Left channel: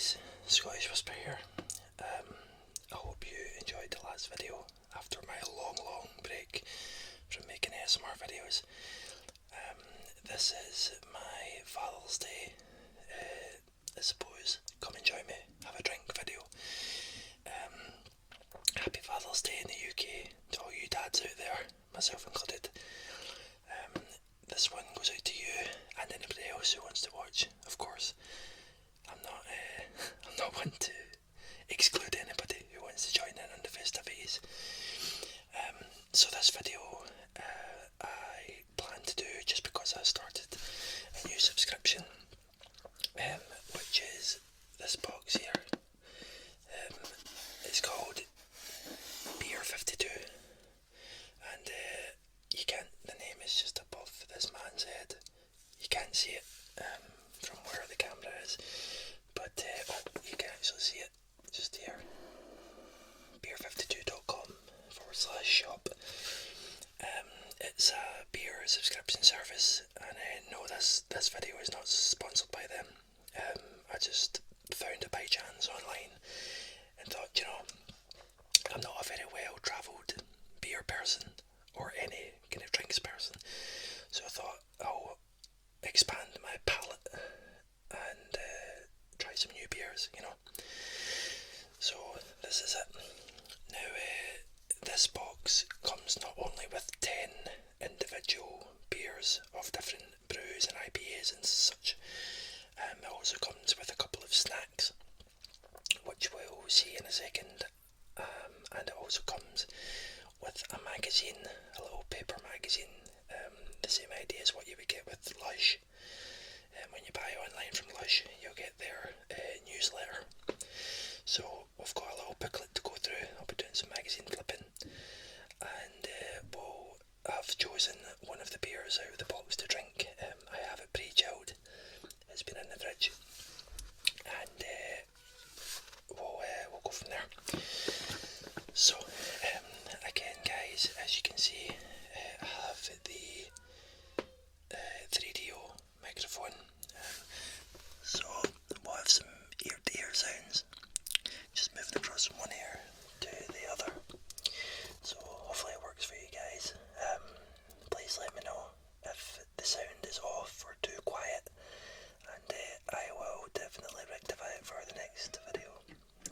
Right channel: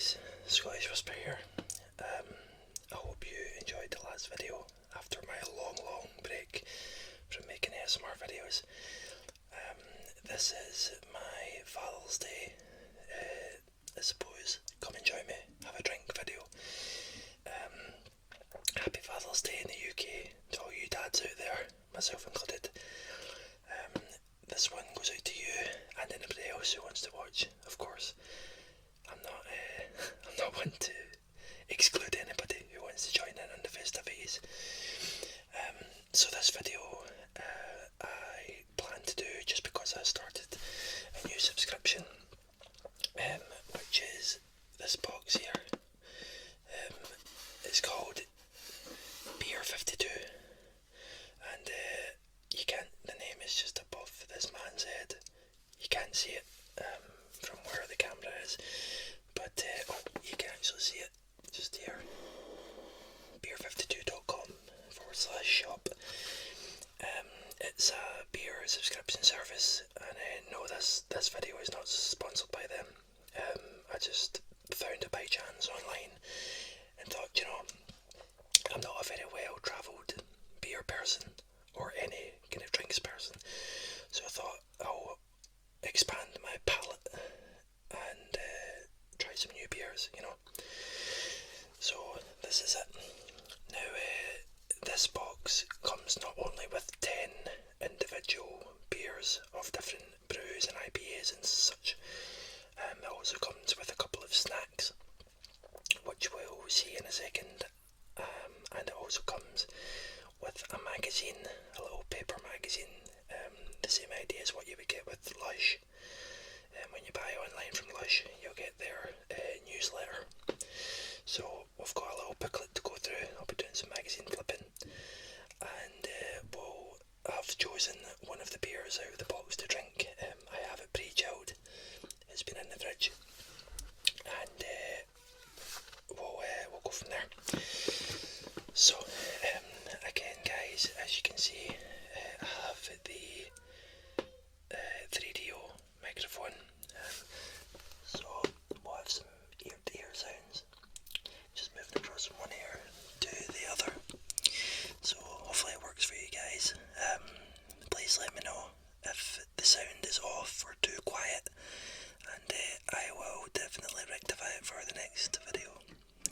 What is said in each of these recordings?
guys, Scottish Whisper here. I hope you enjoyed the last video after my long break from making ASMR videos. This is my Father's Day, I suppose, come and join me, have a drink video. Happy Father's Day in the UK to all you dads out there, myself included. This one goes out to you and anybody else who wants to watch, of course. I'm not one to exclude anybody who wants to join in on the festivities. So this video I plan to do just because I started a new subscription, which is this box here. It's called Beer 52, and you can't. The name is just above this man's head. You can't see it from where the camera is, but you can actually see it just here. beer52.com/shop. It's a beer subscription service, and no, this video is not sponsored by them. I just found it by chance online and thought, I'm not a very well travelled beer person or any kind of drinks person, so I thought I'll expand my palate and try some new beers, So this is it. Now this box comes not only with 10 individual beers of different brews and IPAs and such, it also comes with a couple of snacks, which we'll see in a second, and it also comes with a magazine, a little paper magazine, the same idea as what you would get with Lush. When you buy online from Lush, you'll get their newsletter. So we've got a little booklet to go through. I'll be doing some magazine flipping, and I've chosen one of the beers out of the box to drink. I have it pre-chilled. It's been in the fridge, and we'll go from there. So again, guys, as you can see, I have the 3DO microphone. So we'll have some ear-to-ear sounds, just moving across from one ear to the other. So hopefully it works for you guys. Please let me know if the sound is off or too quiet, and I will definitely rectify it for the next video.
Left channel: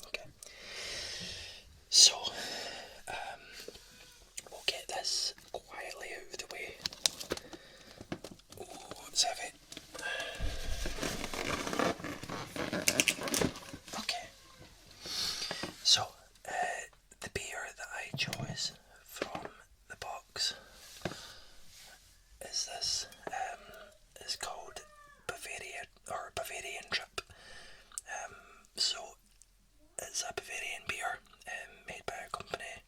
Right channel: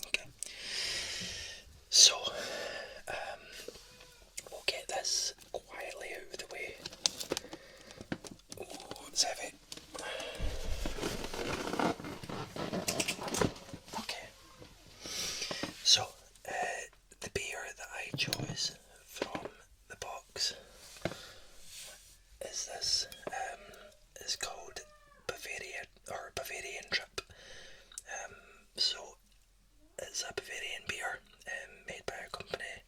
Okay. So we'll get this quietly out of the way. Oh, it's heavy. Okay. So the beer that I chose from the box is this. It's called Bavarian Trip. So it's a Bavarian beer made by a company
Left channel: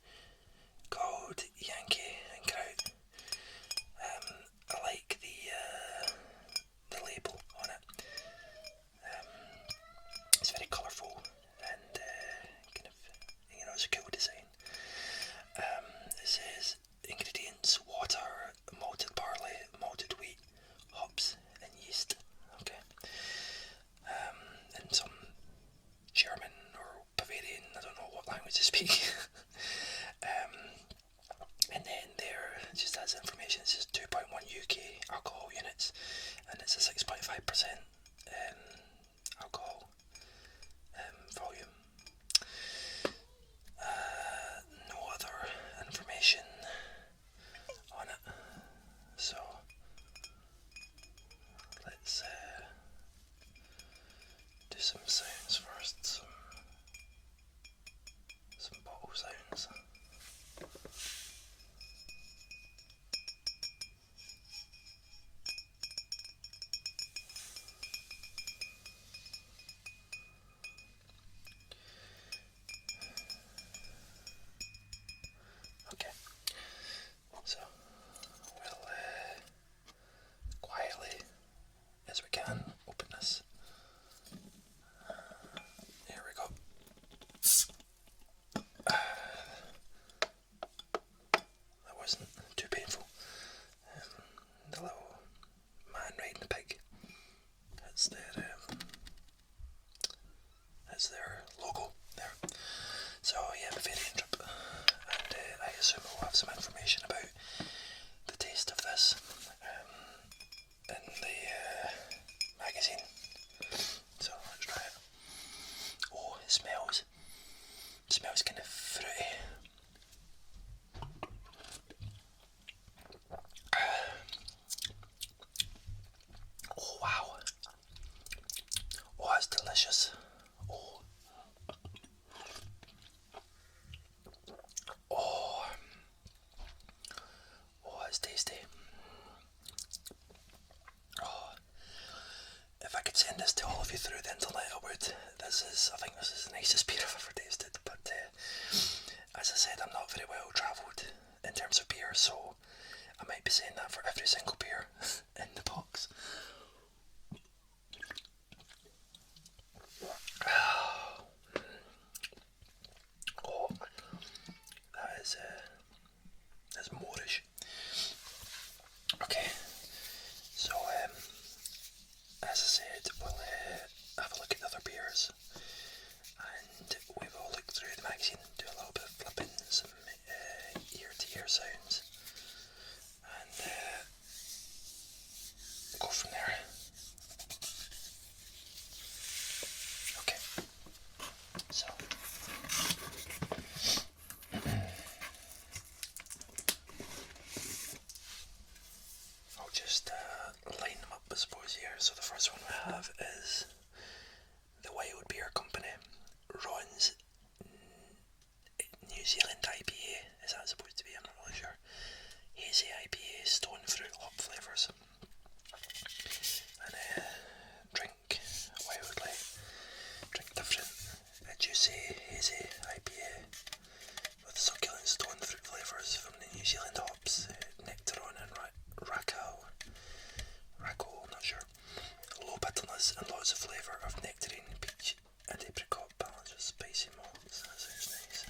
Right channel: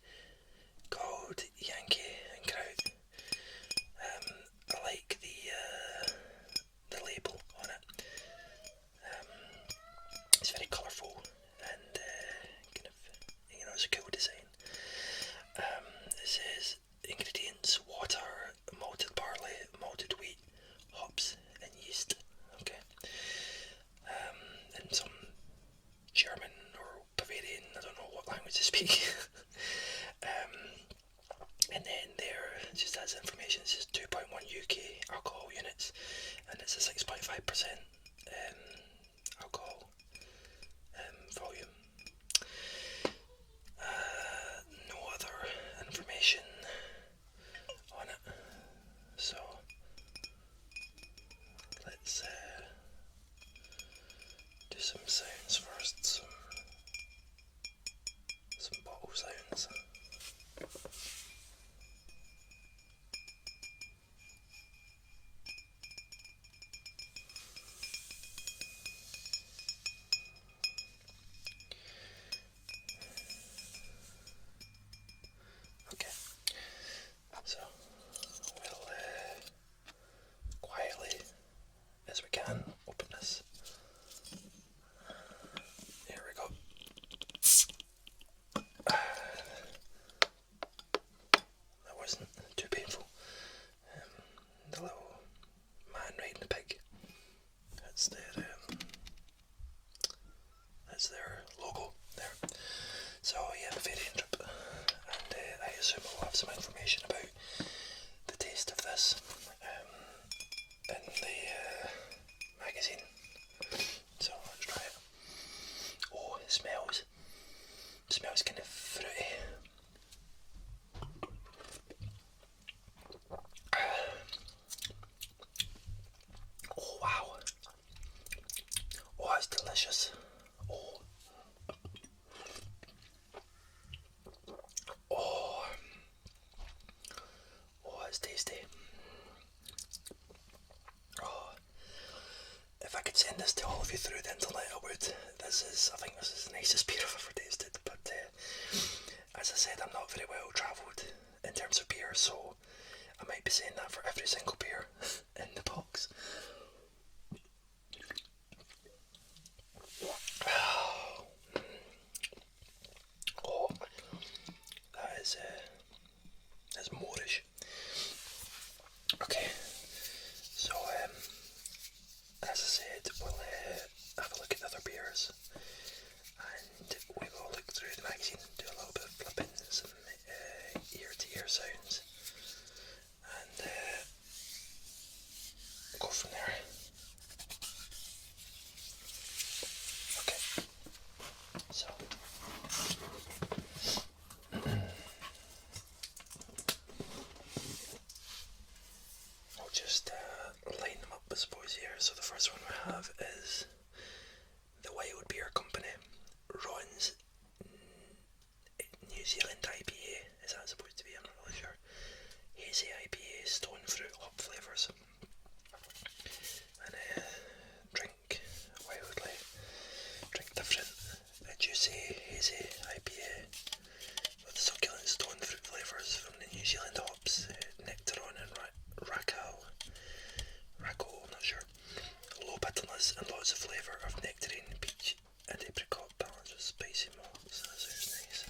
called Yankee and Kraut. I like the label on it. It's very colourful and kind of, it's a cool design. It says ingredients: water, malted barley, malted wheat, hops and yeast. Okay. And some German or Bavarian, I don't know what language they speak. And then there, just as information, it says 2.1 UK alcohol units, and it's a 6.5% alcohol volume. No other information on it, so let's do some sounds first, some bottle sounds. it's tasty. Oh, if I could send this to all of you through the internet, I would. I think this is the nicest beer I've ever tasted, but as I said, I'm not very well travelled in terms of beer, so I might be saying that for every single beer in the box. Oh, that's Moorish. Okay, so as I said, we'll have a look at the other beers, and we will look through the magazine, do a little bit of flipping, some ear-to-ear sounds, and go from there. Okay, so I'll just line them up, I suppose, here. So the first one we have is the Wild Beer Company Ron's New Zealand IPA. Is that supposed to be? I'm not really sure. Hazy IPA, stone fruit, hop flavours. And drink wildly, drink different. A juicy, hazy IPA with succulent stone fruit flavours from the New Zealand hops, Nectaron and Rackle, I'm not sure. Low bitterness and lots of flavour of nectarine, peach and apricot balance with spicy malts. That sounds nice.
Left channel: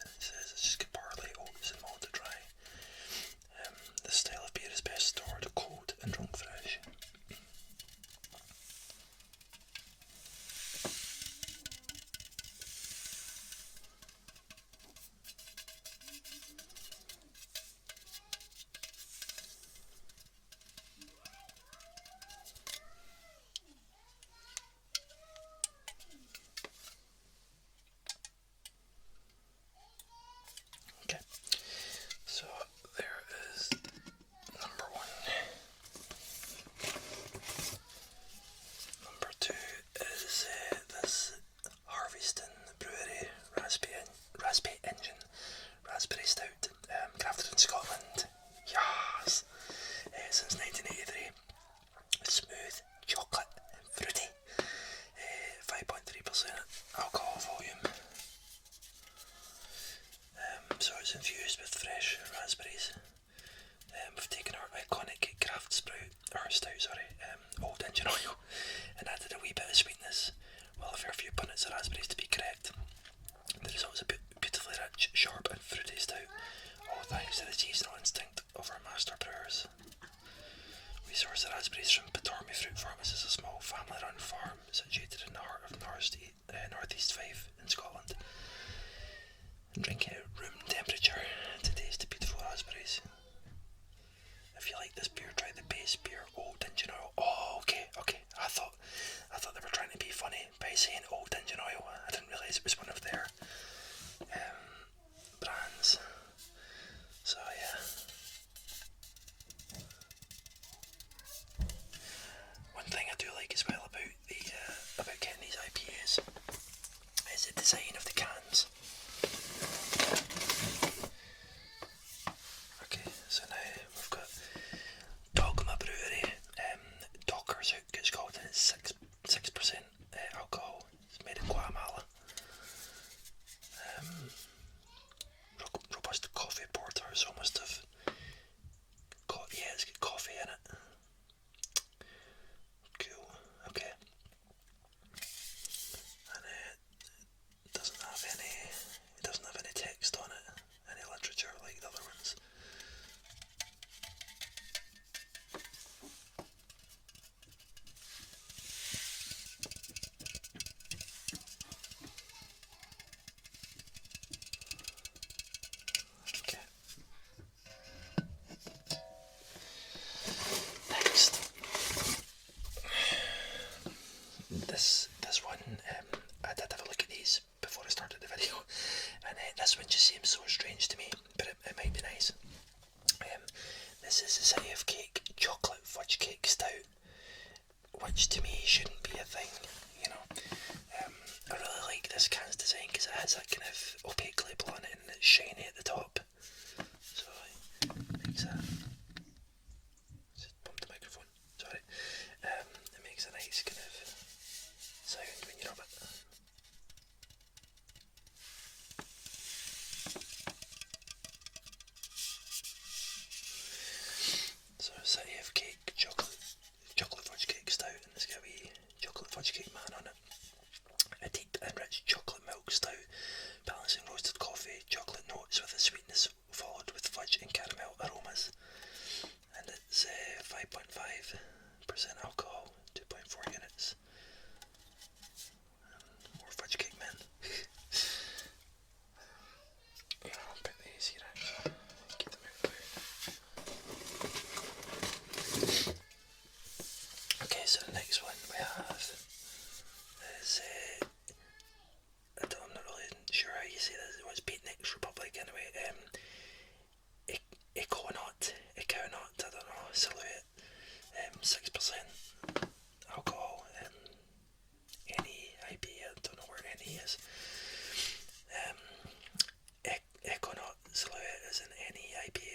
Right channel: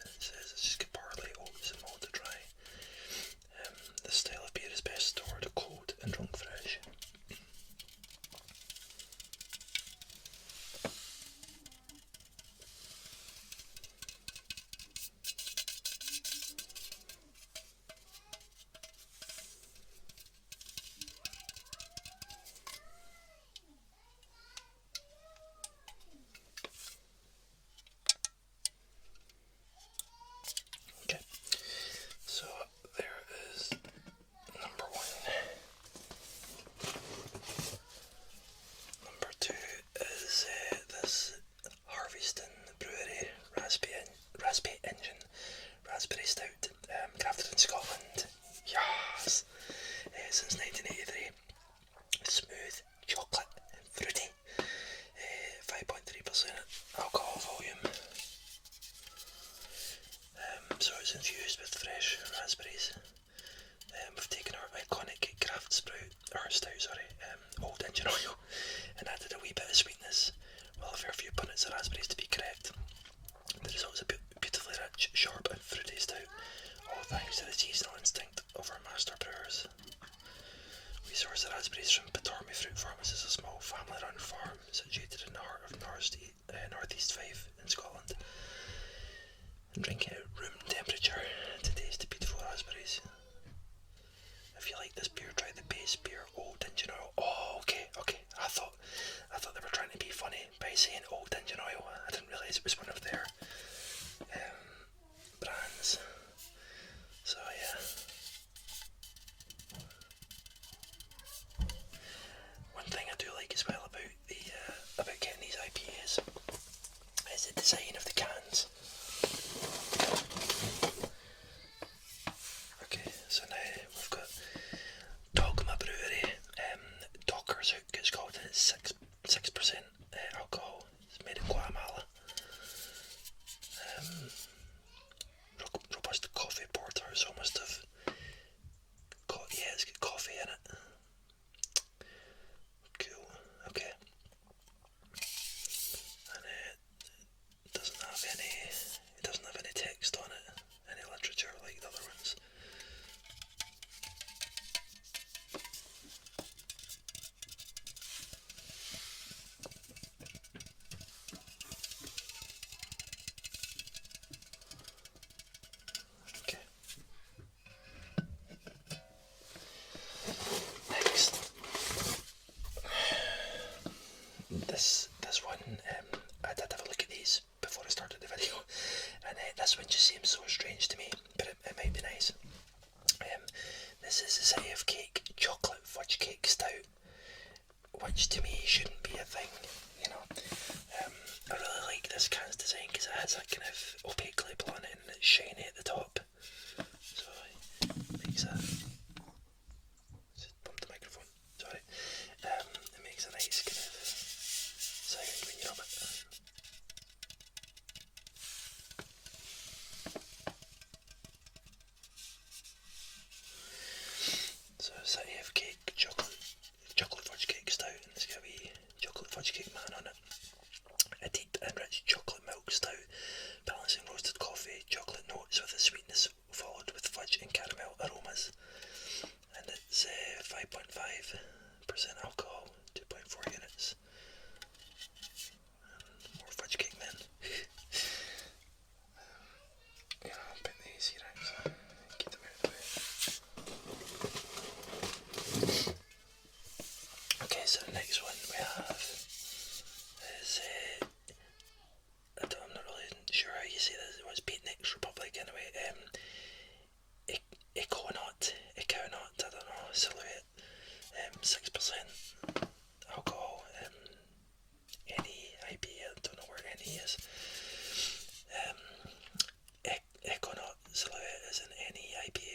And it says it's just got barley, oats and malted dry. This style of beer is best stored cold and drunk fresh. Okay, so there is number one. Number two is this Harveston Brewery Raspberry Engine Raspberry Stout, crafted in Scotland. Yes! Since 1983. Smooth, chocolate, and fruity. 5.3% alcohol volume. So it's infused with fresh raspberries. We've taken our iconic craft stout, old engine oil, and added a wee bit of sweetness, well, a fair few punnets of raspberries to be correct. The result is a beautifully rich, sharp and fruity stout, all thanks to the seasonal instinct of our master brewers. We source the raspberries from Patormy Fruit Farm. This is a small family-run farm situated in the heart of Northeast Fife in Scotland. And drink it at room temperature to taste the beautiful raspberries. If you like this beer, try the base beer Old Engine Oil. Oh, okay. I thought they were trying to be funny by saying Old Engine Oil. I didn't realise it was one of their brands. So yeah. One thing I do like as well about getting these IPAs is the design of the cans. Okay, so now we've got Dogma Brewery, Docker's Hook it's called, and it's 6% alcohol. It's made in Guatemala. Robust coffee porter, so must have it's got coffee in it. Cool, okay. And it doesn't have any text on it, any literature like the other ones. Okay. Next, this one, I did have a look at these before I started the video, and this one just seems so strange to me, but it might be nice. This is a City of Cake Chocolate Fudge Cake Stout, which to me shouldn't be a thing, you know. I really like this can's design because it has that kind of opaque label on it and it's shiny at the top.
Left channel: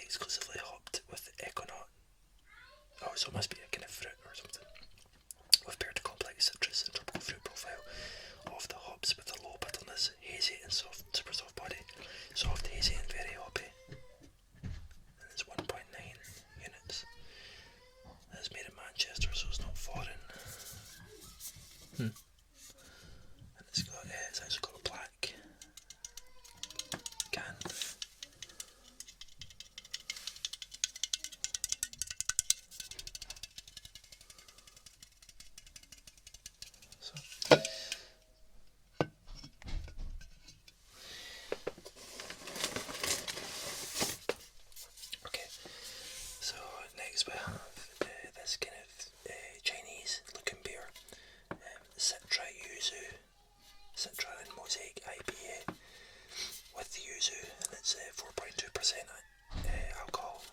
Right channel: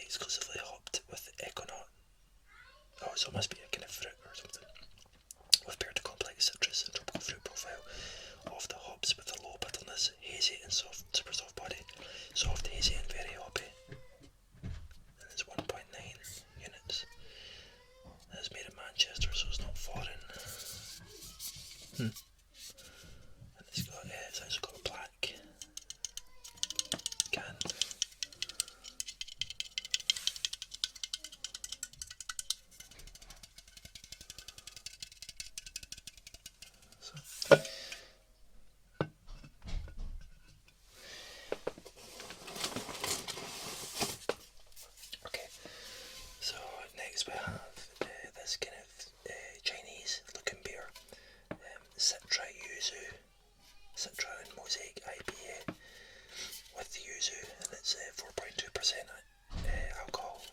exclusively hopped with Econaut. Oh, so it must be a kind of fruit or something. With paired complex citrus and tropical fruit profile of the hops with a low bitterness, hazy and soft, super soft body. Soft, hazy and very hoppy. And it's 1.9 units. It's made in Manchester, so it's not foreign. And it's actually got a black can. Okay, so next we have this kind of Chinese looking beer, Citra Yuzu, Citra and Mosaic IPA with yuzu, and it's 4.2% alcohol,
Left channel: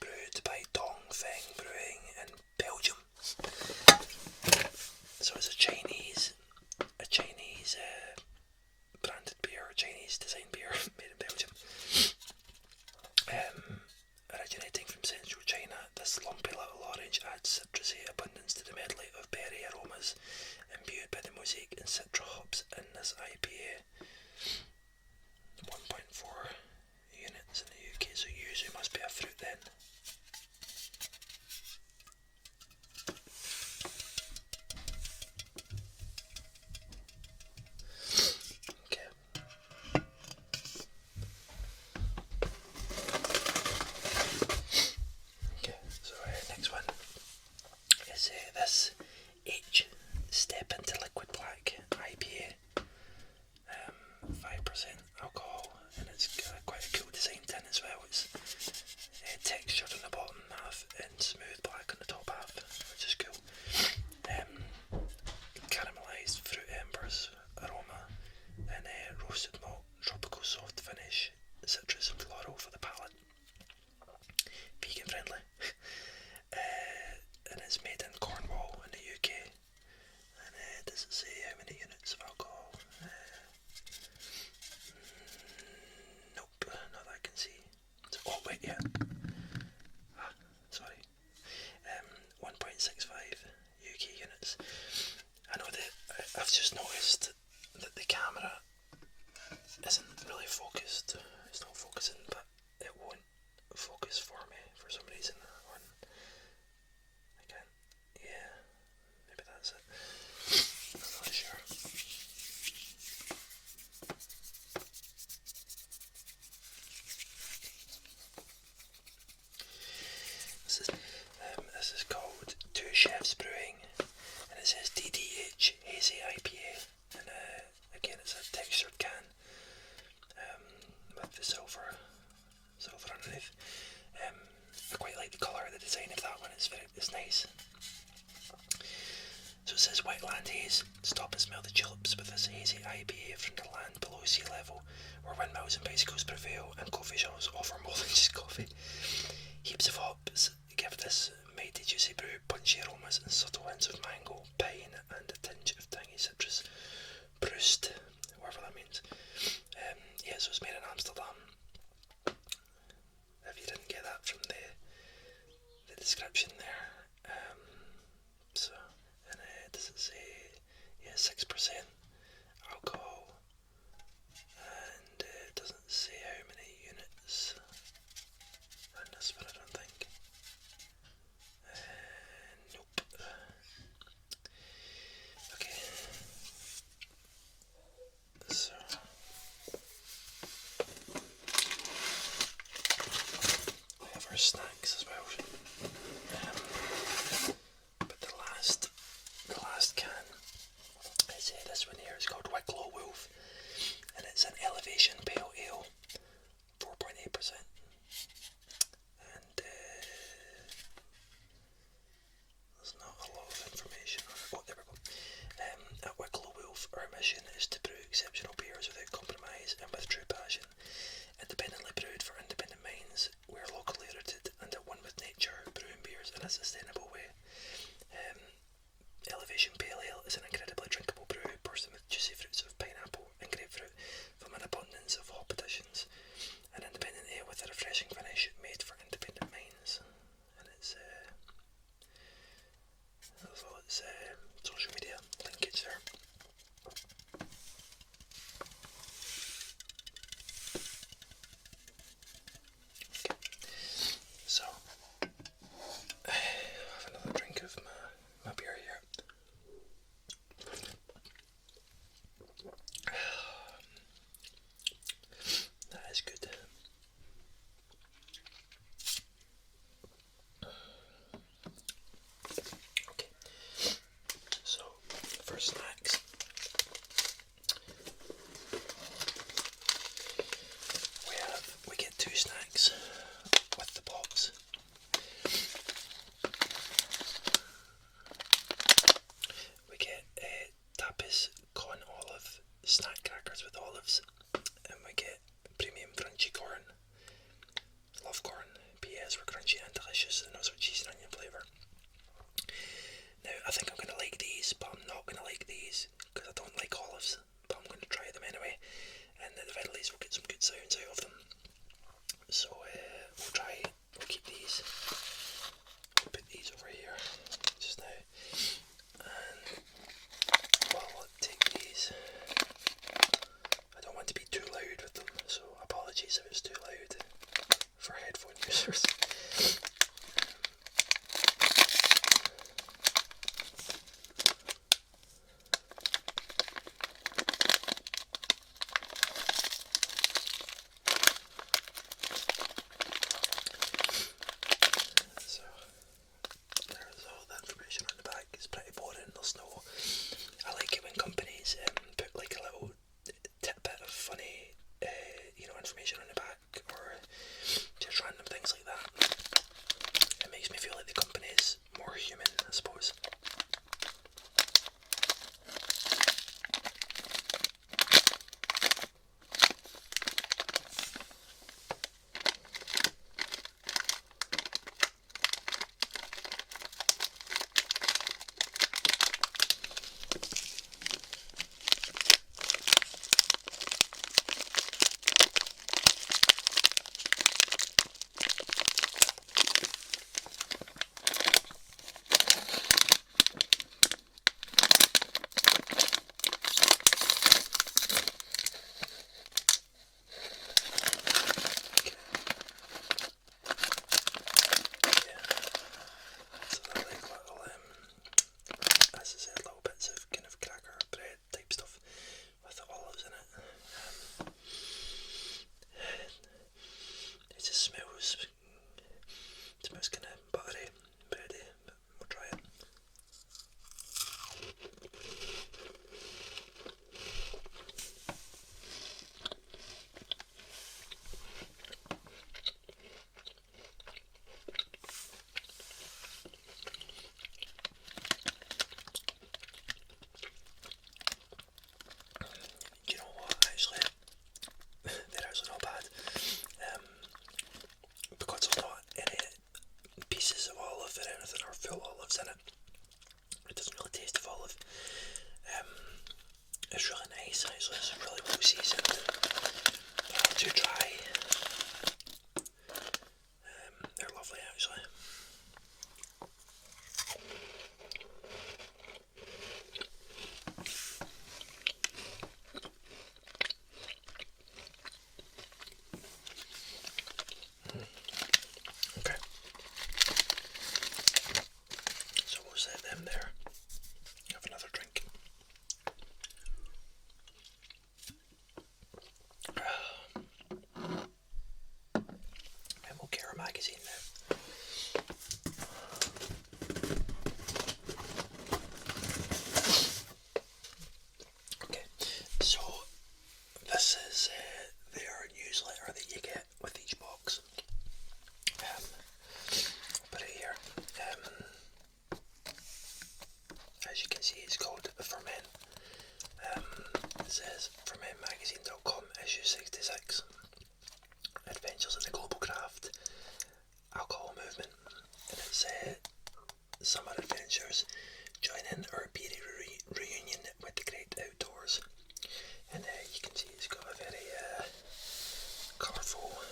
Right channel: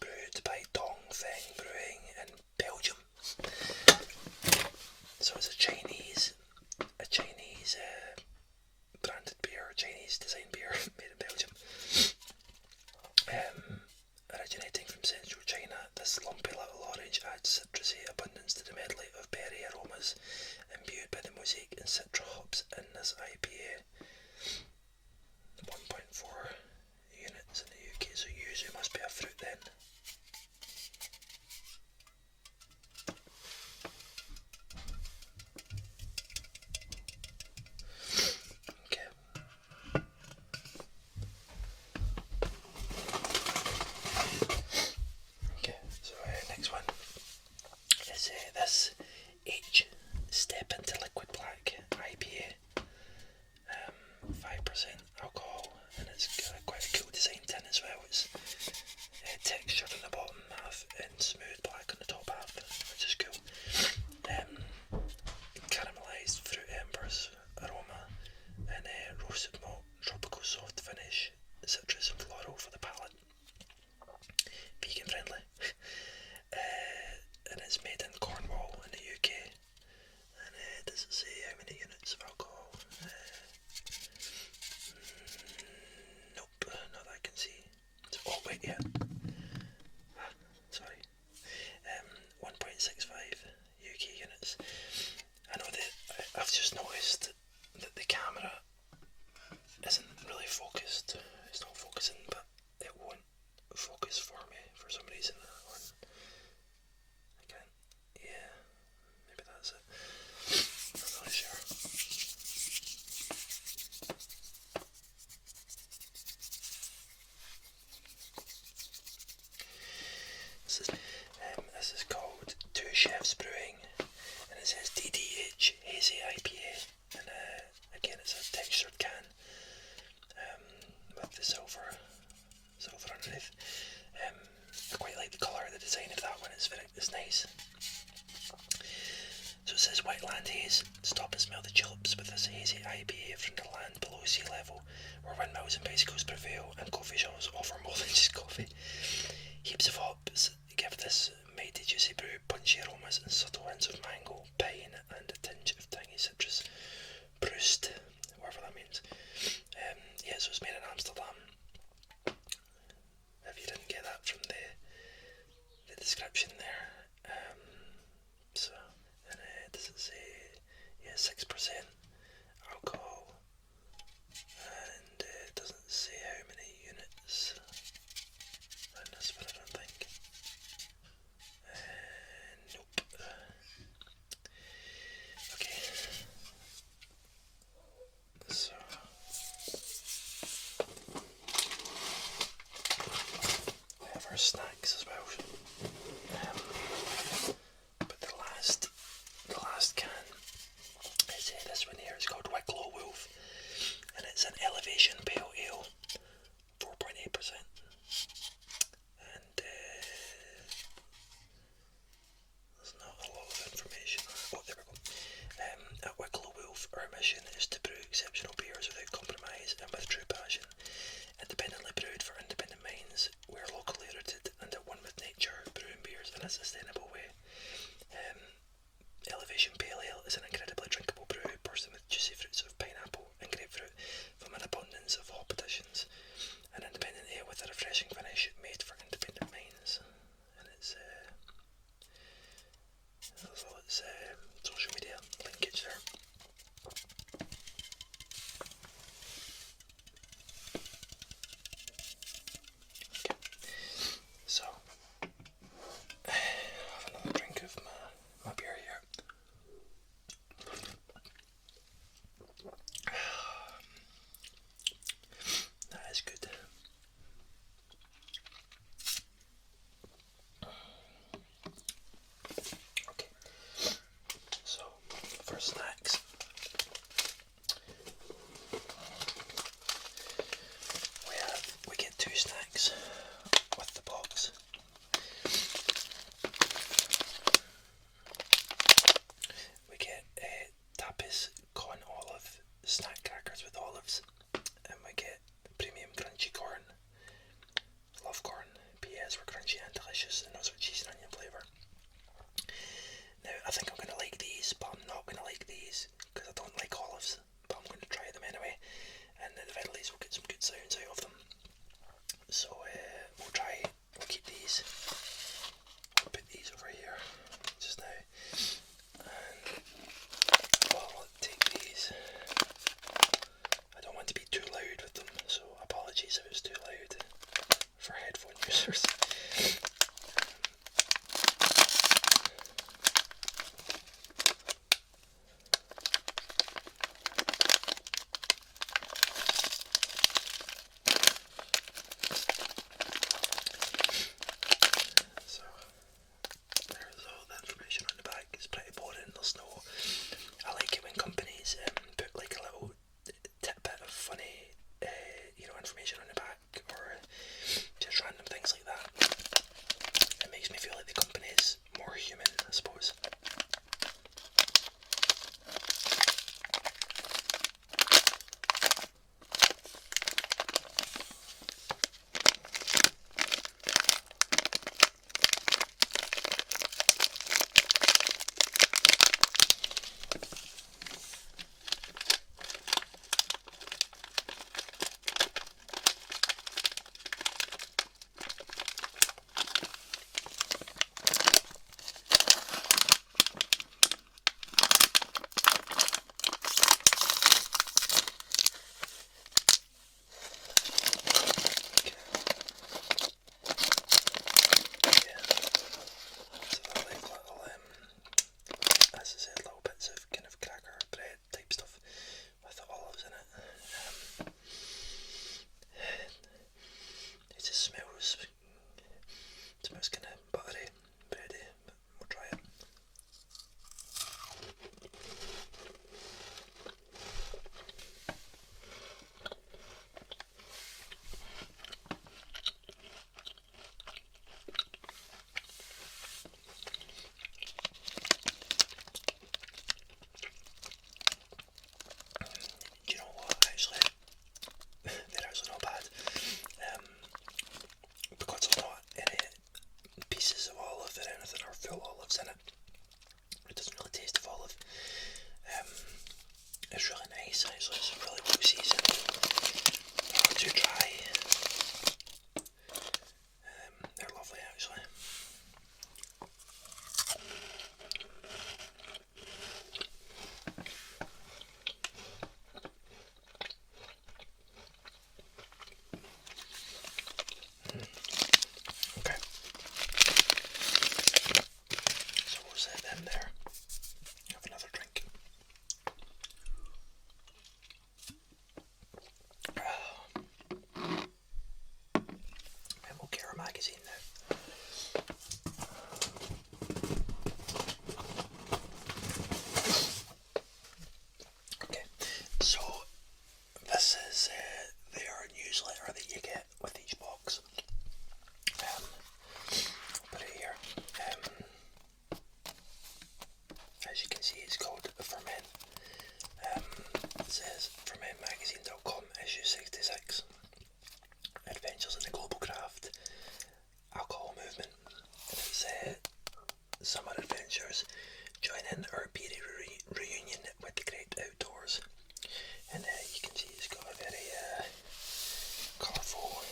brewed by Dongfeng Brewing in Belgium. So it's a Chinese branded beer, Chinese designed beer made in Belgium. Originating from central China, this lumpy little orange adds citrusy abundance to the medley of berry aromas imbued by the Mosaic and Citra hops in this IPA. 1.4 units in the UK, so yuzu must be a fruit then. Okay, so next one is this H Step Into Liquid Black IPA. 5% alcohol, and it's got quite a cool design tin as well. It's textured on the bottom half and smooth black on the top half, which is cool. Caramelised fruit embers aroma and roasted malt, tropical soft finish, citrus and floral for the palate. Vegan friendly. And it's made in Cornwall in the UK. And does it say how many units of alcohol? Nope, not that I can see. Oh wait, yeah. Sorry. 1.65 UK units. I know that I've just noticed that the camera isn't really focused. It's not focusing, but it won't focus for me for some reason. I can't. Yeah, maybe that's it. I'm not really sure. This is called Two Chefs Brewing, and it says DDH Hazy IPA, and again it's a textured can with the silver underneath. I quite like the colour, the design of that one. It's nice. So it says Wetland Haze. Stop and smell the tulips with this hazy IPA from the land below sea level, where windmills and bicycles prevail and coffee shops offer more than just coffee. Heaps of hops give this mighty juicy brew punchy aromas and subtle hints of mango, pine and a tinge of tangy citrus. Brust, whatever that means. Yeah, so it's made in Amsterdam. If you didn't get that from the description there. So, and does it say, yeah, 6% alcohol, and it doesn't say how many units in this one, I don't think. Nope. Okay. So we have our snacks as well. But the last can is this one here. It's called Wicklow Wolf, and it's an Elevation Pale Ale, 4.8%. And there's not a lot of information. Oh, there we go. At Wicklow Wolf, our mission is to brew exceptional beers without compromise and with true passion. Independently brewed for independent minds, we're locally rooted and at one these because I don't like olives, but I'm going to try them anyway, and at the very least we'll get some good sounds out of them. So we'll keep these, we'll put these over here just now, and I'll take these. I don't want to be too loud with them, so apologies if it's too loud for headphone users. It's pretty boring, there's no, I like it when companies put like a little tidbit of funny information on the back, or just random things like that. It makes me feel like the company is more human, I suppose. Smells kind of buttery, bready, but we'll try it. Do you know what, actually, they're actually not bad. Because there's not any pieces of olive or anything, or full olives in it. It doesn't really taste of olive. It's really nice, actually. It's really well seasoned. Not too dry. They're lovely, actually. Okay. So we'll set them there. Have another drink. And we'll get our magazine now. Okay, so this is their newsletter that you get with each box. Put it here. As you can see, it's called Ferment. It says fermentmagazine.com, issue 66. Adventures in the Global Craft Alcohol Movement. And it's summer adventures. Join in our beery reunion with the great outdoors. And you can see it's got a very colourful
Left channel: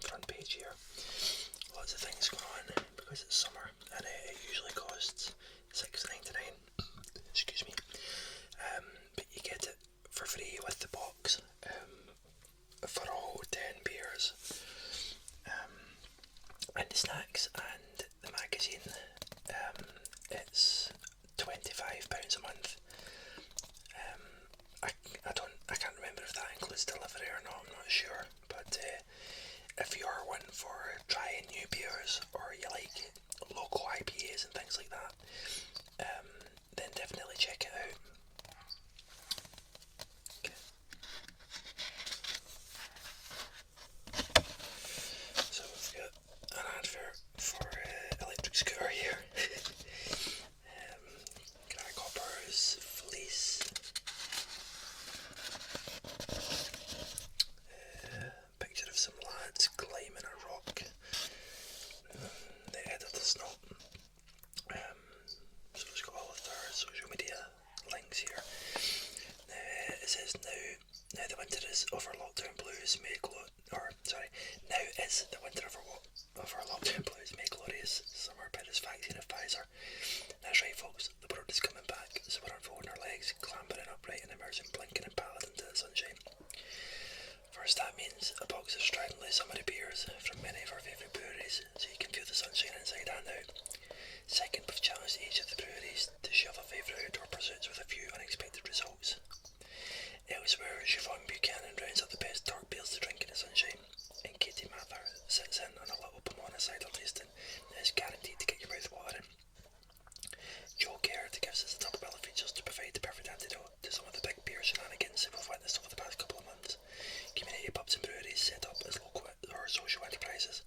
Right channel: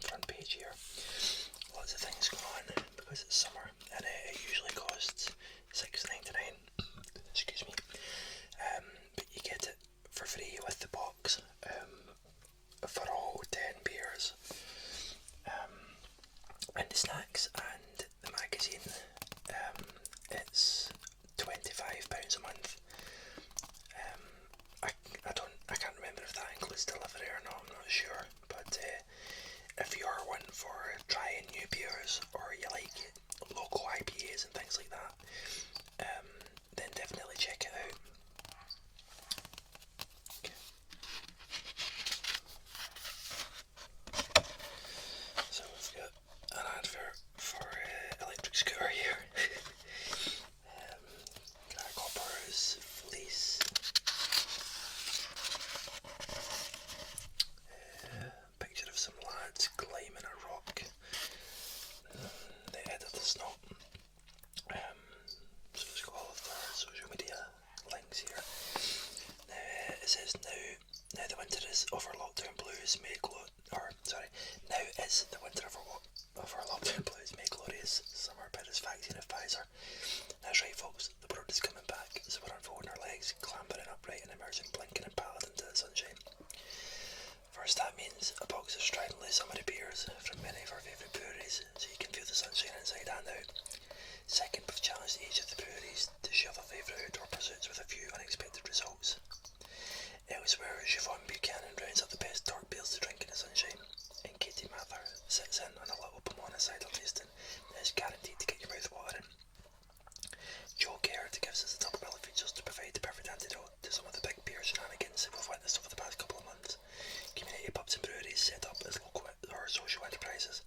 front page here. Lots of things going on because it's summer, and it usually costs $6.99. Excuse me. But you get it for free with the box for all 10 beers. And the snacks and the magazine, it's £25 a month. I can't remember if that includes delivery or not, I'm not sure, but if you're one for trying new beers, or you like local IPAs and things like that, then definitely check it out. Okay. So we've got an advert for electric scooter here. Grasshoppers, fleece. Picture of some lads climbing a rock. The editor's not. So it's got all of their social media links here. says now the winter is over. Lockdown blues may now is the winter over lockdown blues may glorious summer by this vaccine of Pfizer. That's right, folks. The world is coming back, so we're unfolding our legs, clambering upright, and emerging blinking and pallid into the sunshine. First, that means a box of stridently summery beers from many of our favourite breweries, so you can feel the sunshine inside and out. Second, we've challenged each of the breweries to share their favourite outdoor pursuits with a few unexpected results. Elsewhere, Siobhan Buchanan rounds up the best dark beers to drink in the sunshine, and Katie Mather sits in on a little Pomona cider tasting that is guaranteed to get your mouth watering. Joe Caird gives us the double bill of features to provide the perfect antidote to some of the big beer shenanigans we've witnessed over the past couple of months. Community pubs and breweries set up as local or social enterprises.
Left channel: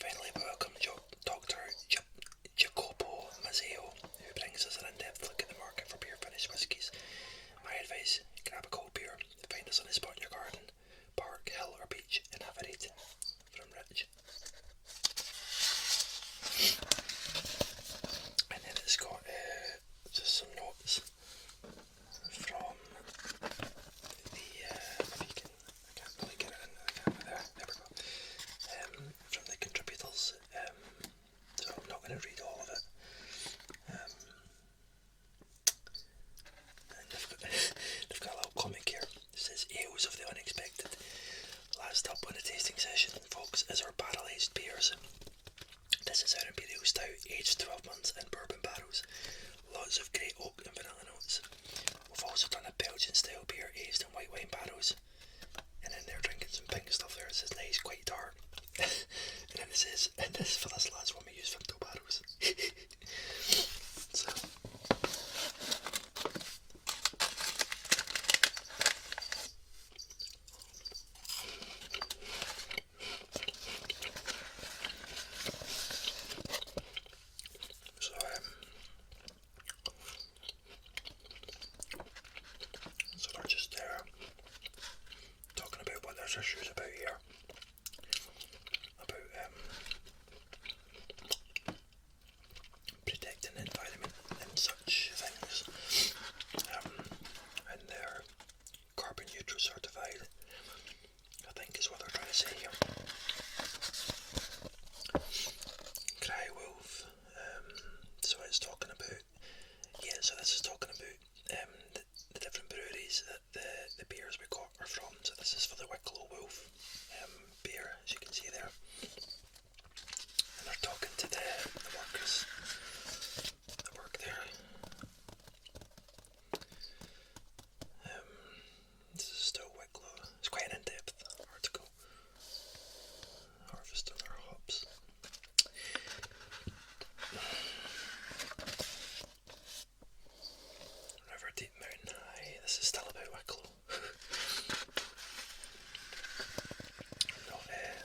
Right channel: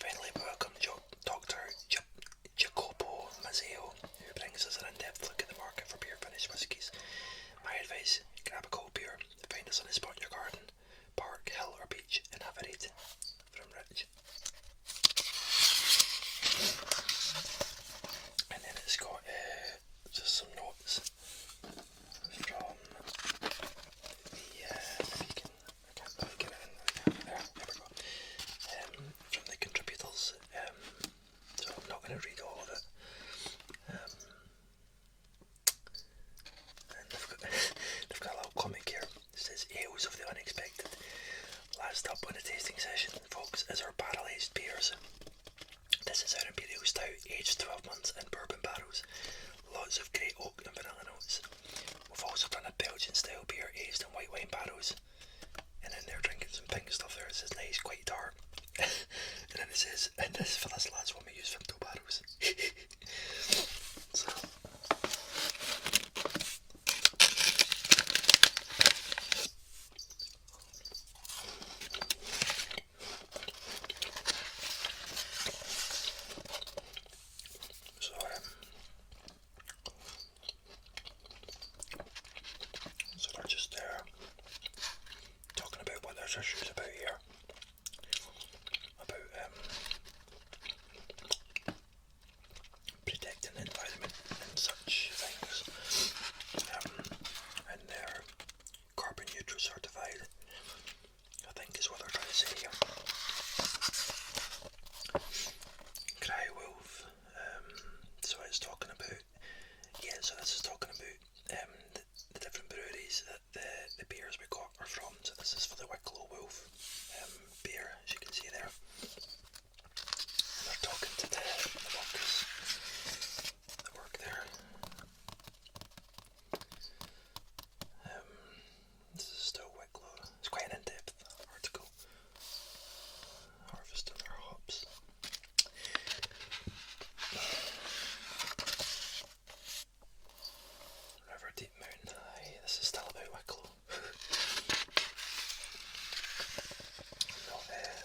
Finally, we welcome Dr. Jacopo Mazzeo, who brings us an in-depth look at the market for beer-finished whiskies. My advice, grab a cold beer, find a sunny spot in your garden, park, hill or beach, and have a read. From Rich. And then it's got just some notes from the, I can't really get it in the camera there we go, from the contributors, so I'm not going to read all of it, and they've got a little comic here. It says, ales of the unexpected. Last up on the tasting session, folks, is our barrel-aged beers. This is our Imperial Stout, aged 12 months in bourbon barrels. Lots of great oak and vanilla notes. We've also done a Belgian style beer aged in white wine barrels. And then they're drinking some pink stuff there. It says nice, quite dark. And then it says, and this for this last one we use Vimto barrels. So they're just there talking about what there's issues about here, about protecting the environment and such things, and they're carbon neutral certified, I think is what they're trying to say here. Cry Wolf, so it's talking about, so this is talking about the different breweries that the beers we got are from. So this is for the Wicklow Wolf beer, as you can see there. And they're talking to the workers that work there. This is still Wicklow. It's quite an in-depth article. Harvesting our hops. River Deep Mountain High. This is still about Wicklow.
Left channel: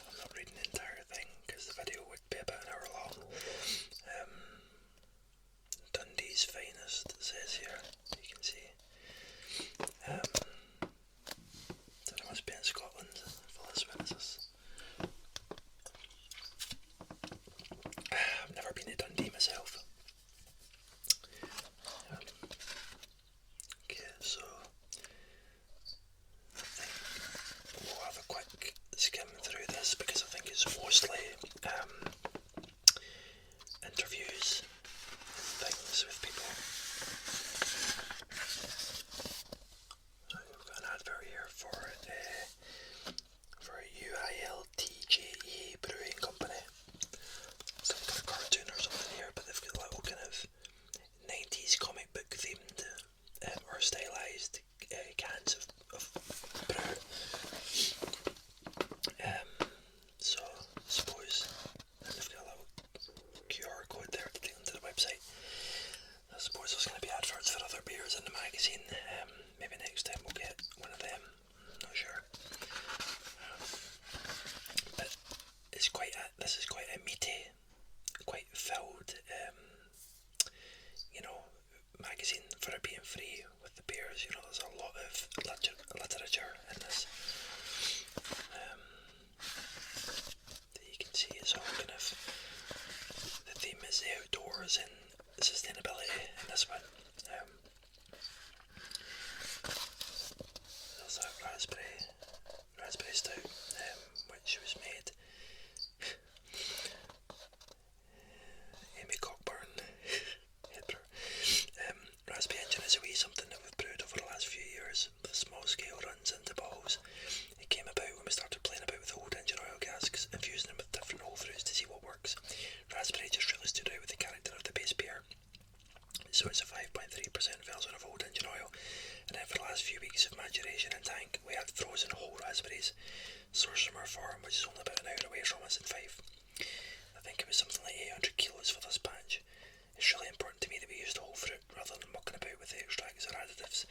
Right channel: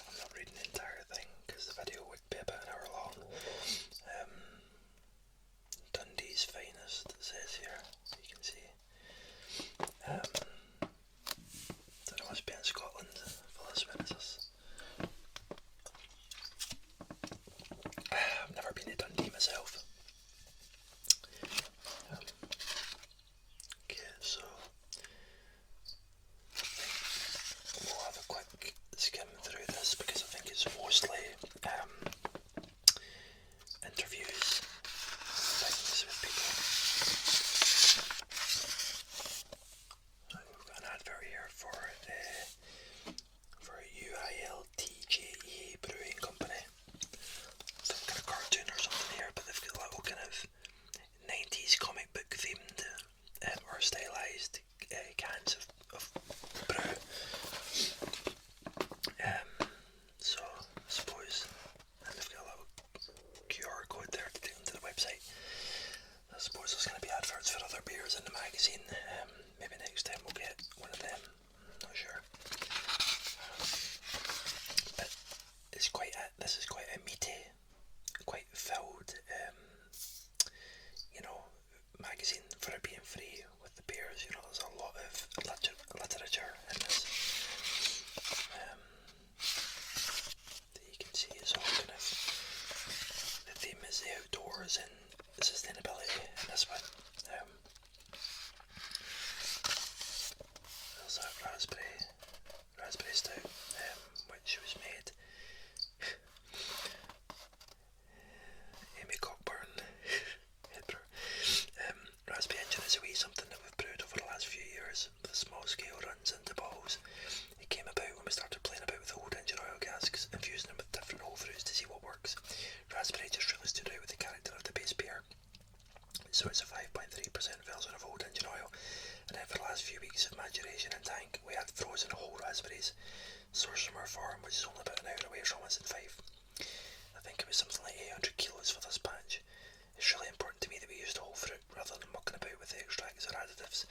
I'm not reading the entire thing because the video would be about an hour long. Dundee's finest, it says here. You can see. Don't know what's been in Scotland for this one. Is this? I've never been to Dundee myself. Okay, so I think we'll have a quick skim through this because I think it's mostly interviews and things with people. We've got an advert here for UILTJE Brewing Company. Some kind of cartoon or something here, but they've got little kind of 90s comic book themed or stylized cans of brew. So I suppose, and they've got a little QR code there to which is only about an hour away from us in Fife. I think it was something like 800 kilos for this batch. It's really important to me that we used whole fruit rather than mucking about with the extracts or additives.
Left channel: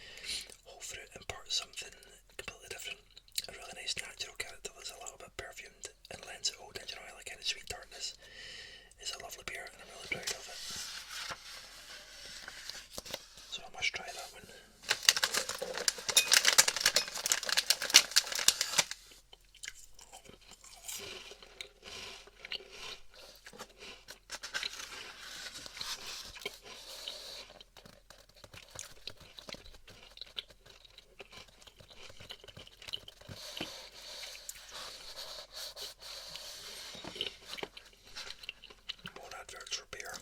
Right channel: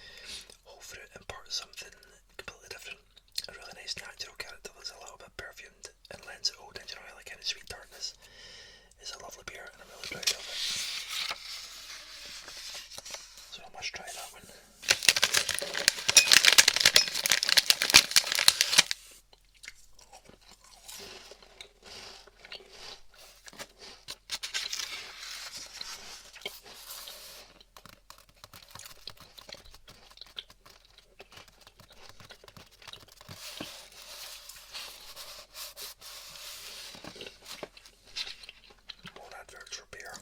Whole fruit imparts something completely different. A really nice natural character that's a little bit perfumed and lends it old engine oil a kind of sweet tartness. It's a lovely beer and I'm really proud of it. So I must try that one. More adverts for beer.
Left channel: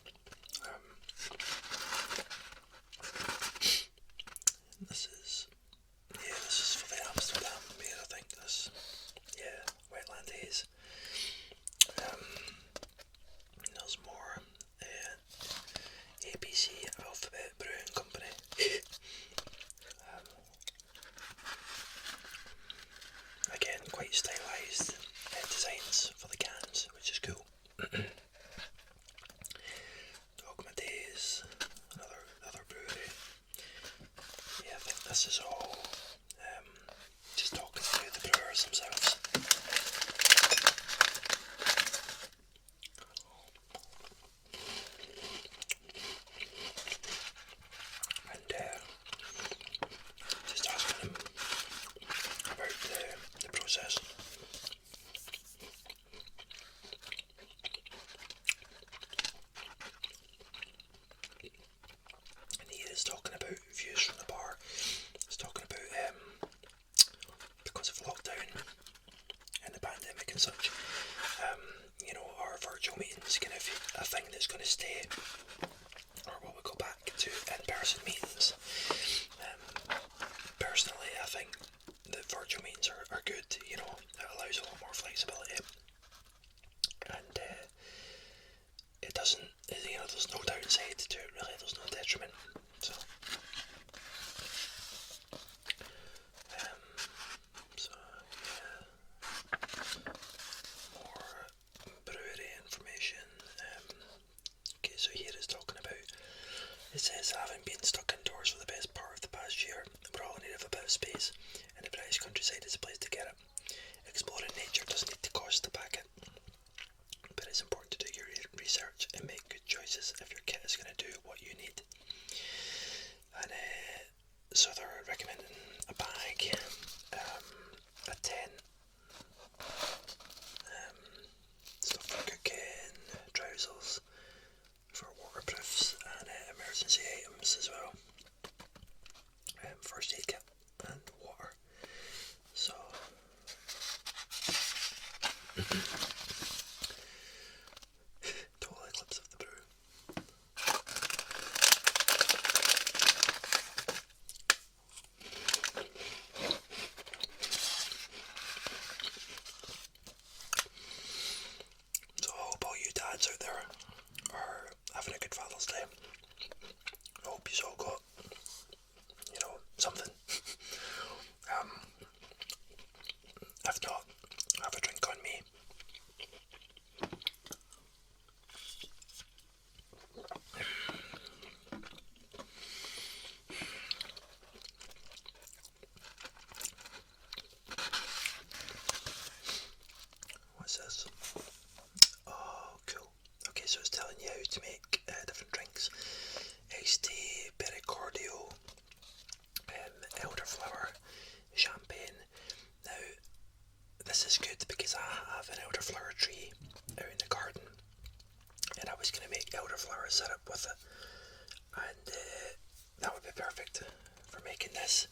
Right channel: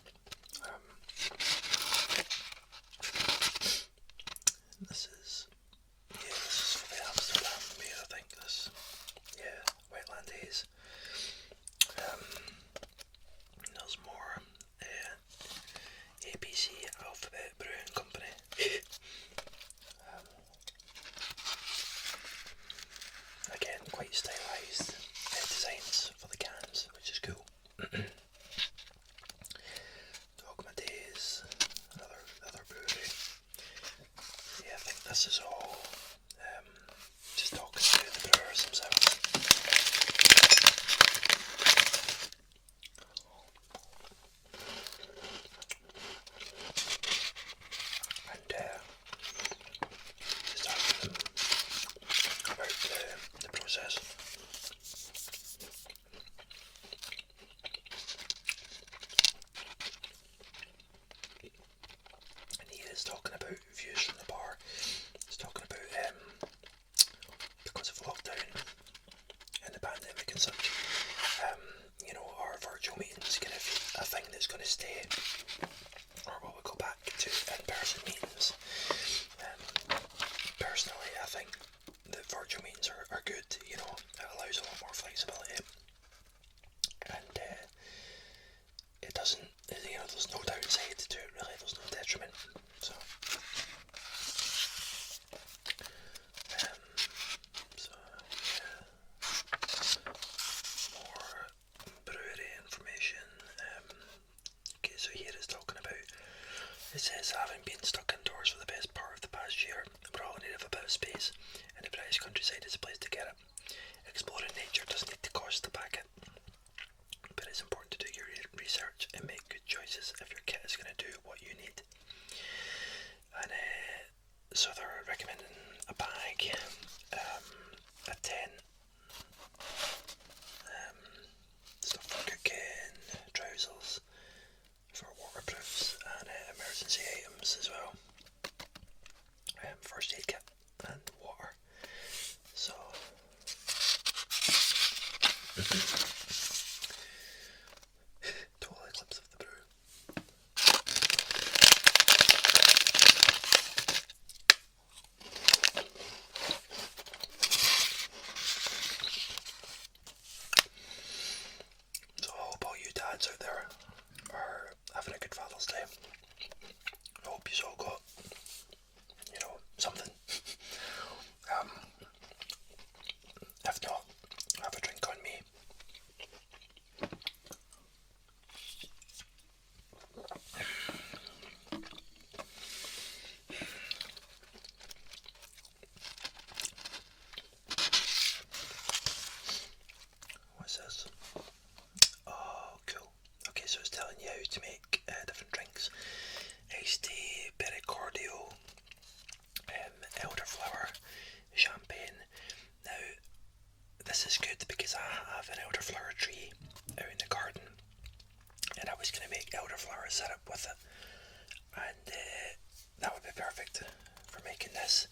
This is for the Amsterdam beer, I think. This, yeah, Wetland Haze. There's more. ABC Alphabet Brewing Company. Again, quite stylised designs for the cans, which is cool. Dogma Days, another brewery. Yeah, I think this is all just talking to the brewers themselves. And just asking them about the process. And he is talking about views from the bar. He's talking about because of lockdown and the pandemic and such, our virtual meetings kind of a thing that's going to stay, or will we go back to in-person meetings? Personally, I think that virtual meetings are good. It allows a lot more flexibility, and it doesn't. There's no downside to it really. There's no detriment. So. More brewery information. Okay, so here it's talking about, it says, having been stuck indoors for the best part of the past year, we're all in need of a bit of space, and the British countryside is a place to get it. Exploring nature doesn't need to cost to pack it, but it's important to do your research and make good choices if your kit is going to do what you need. And so they're recommending a bag, a tent, stuff for cooking, trousers for waterproofs, and emergency items as well. First aid kit and water. So total eclipse of the brew. So I hope all you dads out there are having a good Father's Day. I hope you all got, something. If not, have a drink on me. What's this? Oh, cool. Okay, so it's telling you how to make different drinks. Iced tea, pericordial, elderflower, champagne. Now, this is good because I have an elderflower tree out in the garden, and I was going to make elderflower syrup with it, and that would be perfect for making this.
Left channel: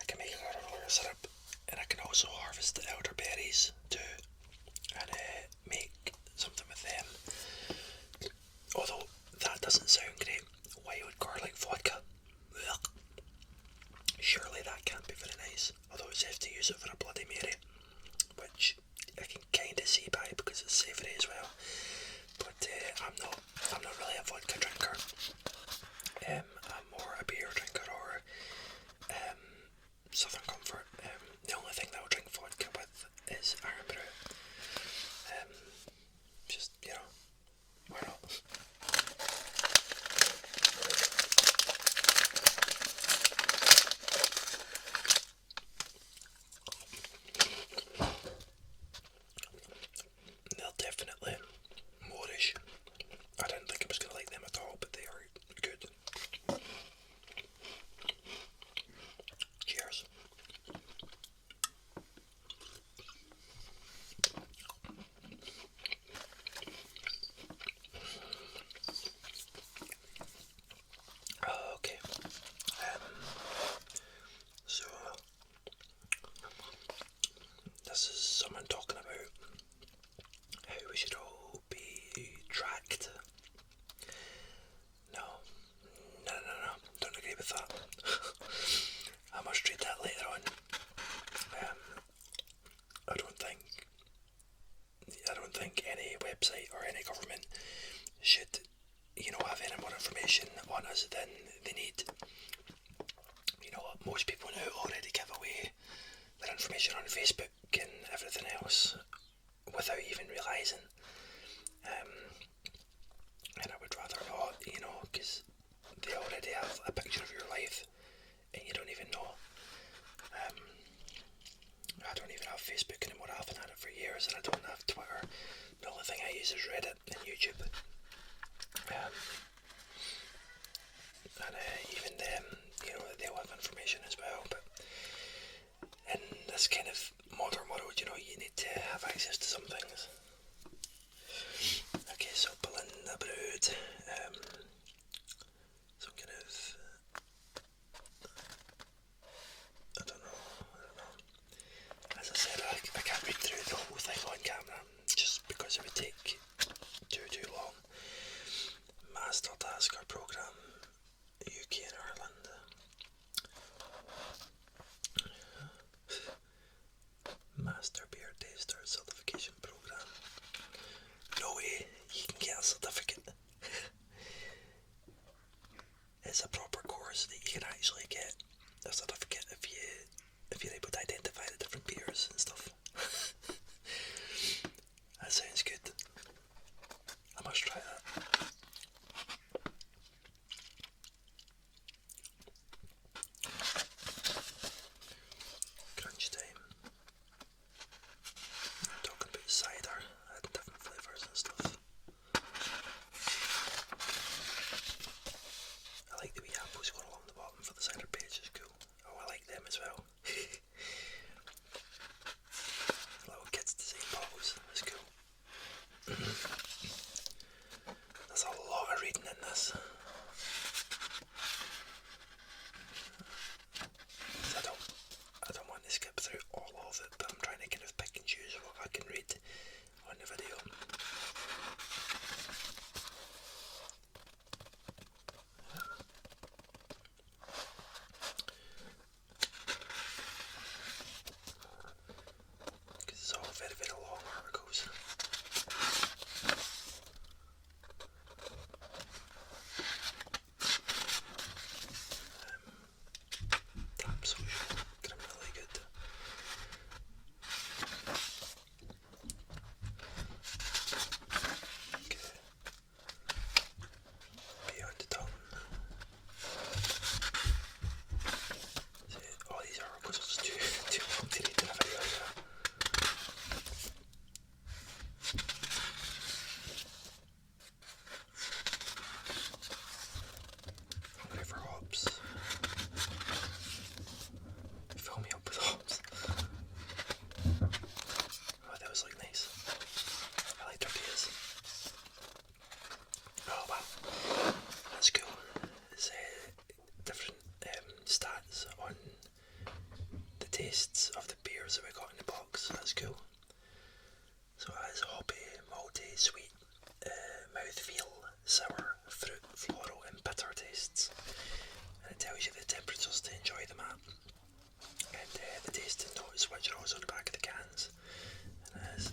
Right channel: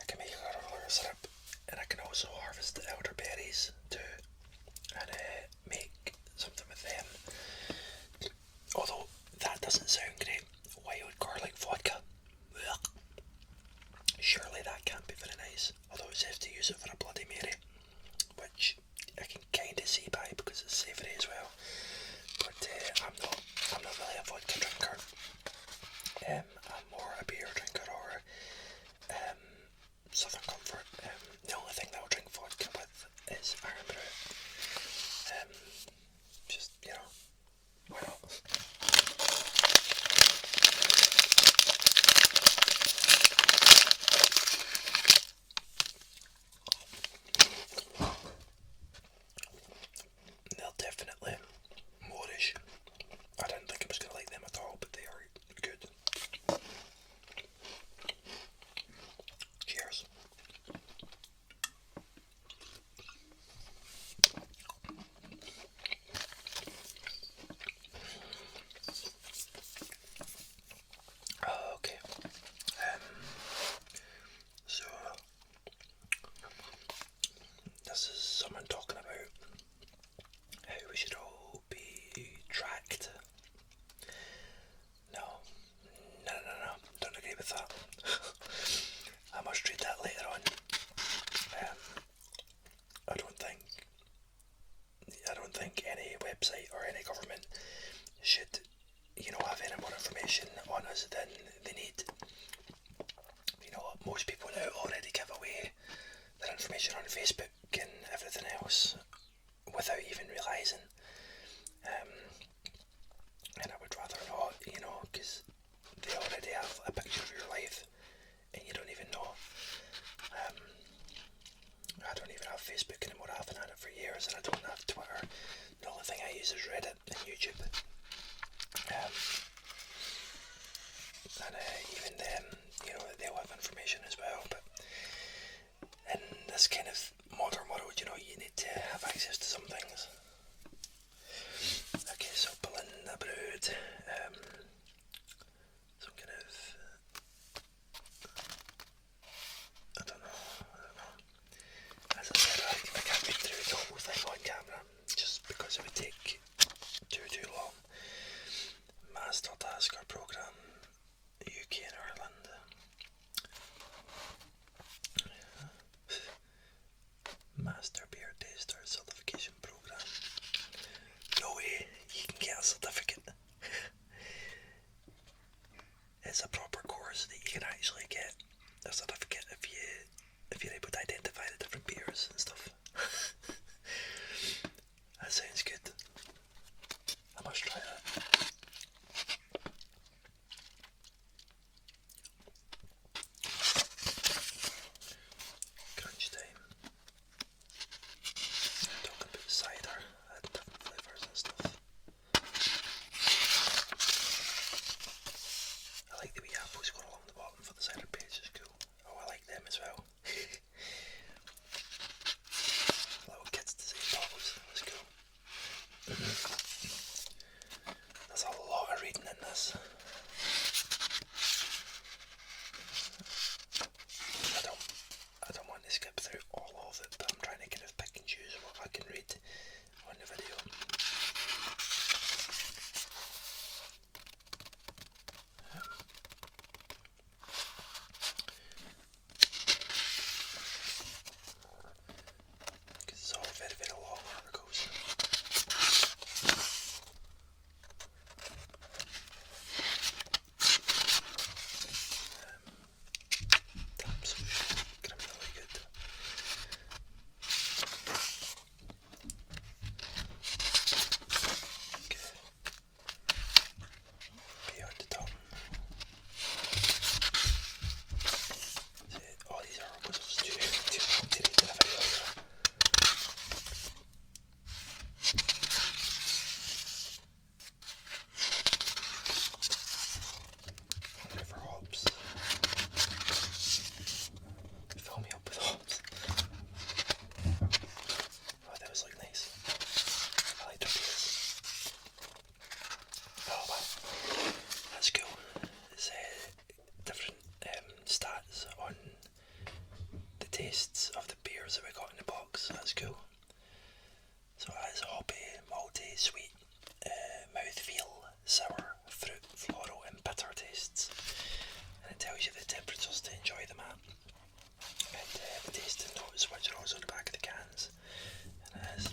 I can make elderflower syrup, and I can also harvest the elderberries too, and make something with them. Although that doesn't sound great. Wild garlic vodka. Ugh. Surely that can't be very nice. Although it says to use it for a Bloody Mary, which I can kind of see by because it's savoury as well. But I'm not really a vodka drinker. I'm more a beer drinker or Southern Comfort. The only thing that I'll drink vodka with is Ireland how we should all be tracked. No, don't agree with that. I must read that later on. I don't think any website or any government should, have any more information on us than they need. Most people now already give away their information on Facebook and everything else without even realising. And I would rather not, because they already have a picture of your life and you don't even know. I don't even have Facebook anymore. I haven't had it for years, and I don't have Twitter. The only thing I use is Reddit and YouTube. And even them, they'll have information as well. But in this kind of modern world, you need to have access to some things. Okay, so Belinda Brood, some kind of, I don't know. As I said, I can't read through the whole thing on camera, just because it would take too long. Master Tasker Programme, UK and Ireland. Master Beer Taster Certification Programme. No way, you can get a certificate. It's a proper course that you can actually get a certificate if you're able to identify the different beers and stuff. That sounds good. I must try that. Crunch time. Talking about cider and different flavours and stuff. I like the wee apples going along the bottom for the cider page, it's cool. Oh, I like them as well. Little kids design bottles, that's cool. There's a lot of reading in this. I don't want to skip through all of it, but I'm trying to kind of pick and choose what I can read on the video. Because it's all very, very long articles. Absolutely criminally good. Okay. Beyond the tongue. See, all these articles are just too long to read in a video here. Hungry for hops. Fill me up with hops. Oh, that was like nice. I like tortillas. Oh wow, that's cool. It's different stats on the tastes of the beers that we got in the box. That's cool. So it has hoppy, malty, sweet, mouthfeel, sour, fruit, floral and bitter tastes. And it tells you the temperatures to enjoy them at. And the tasting notes, which are also on the back of the cans. And it has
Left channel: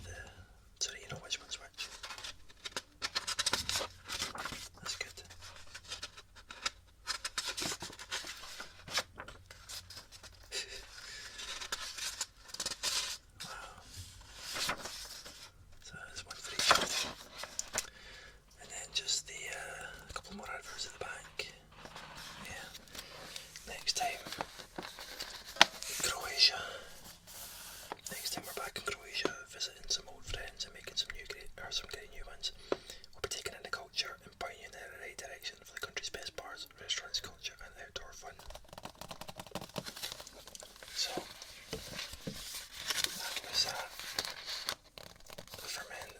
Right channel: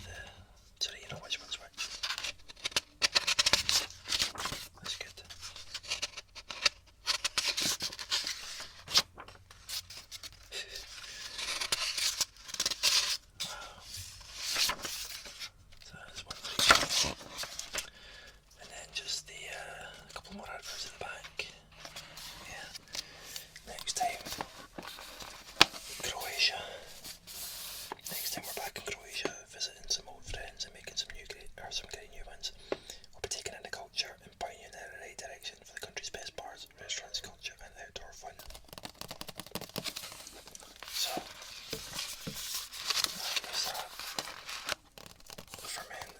so that you know which one's which. That's good. Wow. So there's one for each. And then just a couple more adverts at the back. Yeah. Next time, Croatia. Next time we're back in Croatia, visiting some old friends and making some great new ones. We'll be taking in the culture and pointing in the right direction for the country's best bars, restaurants, culture and outdoor fun. So, that was that. Ferment.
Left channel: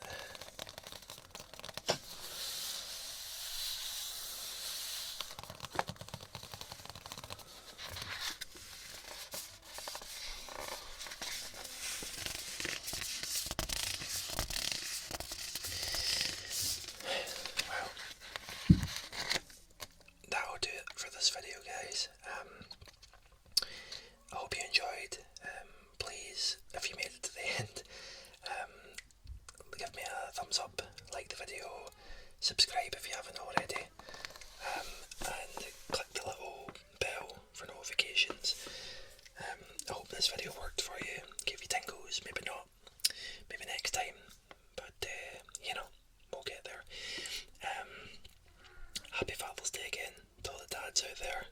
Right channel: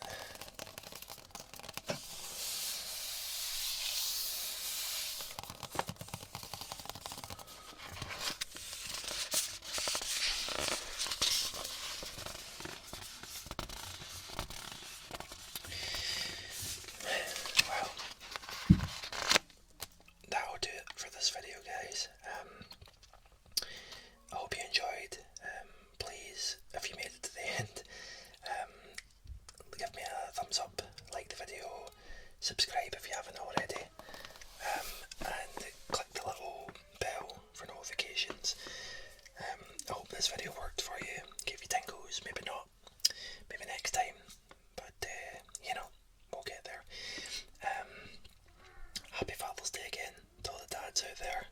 thumbs up, like the video, subscribe if you haven't already, and click the little bell for notifications. I hope this video worked for you, gave you tingles, maybe not, maybe next time, but we'll get there. Happy Father's Day again to all the dads out there.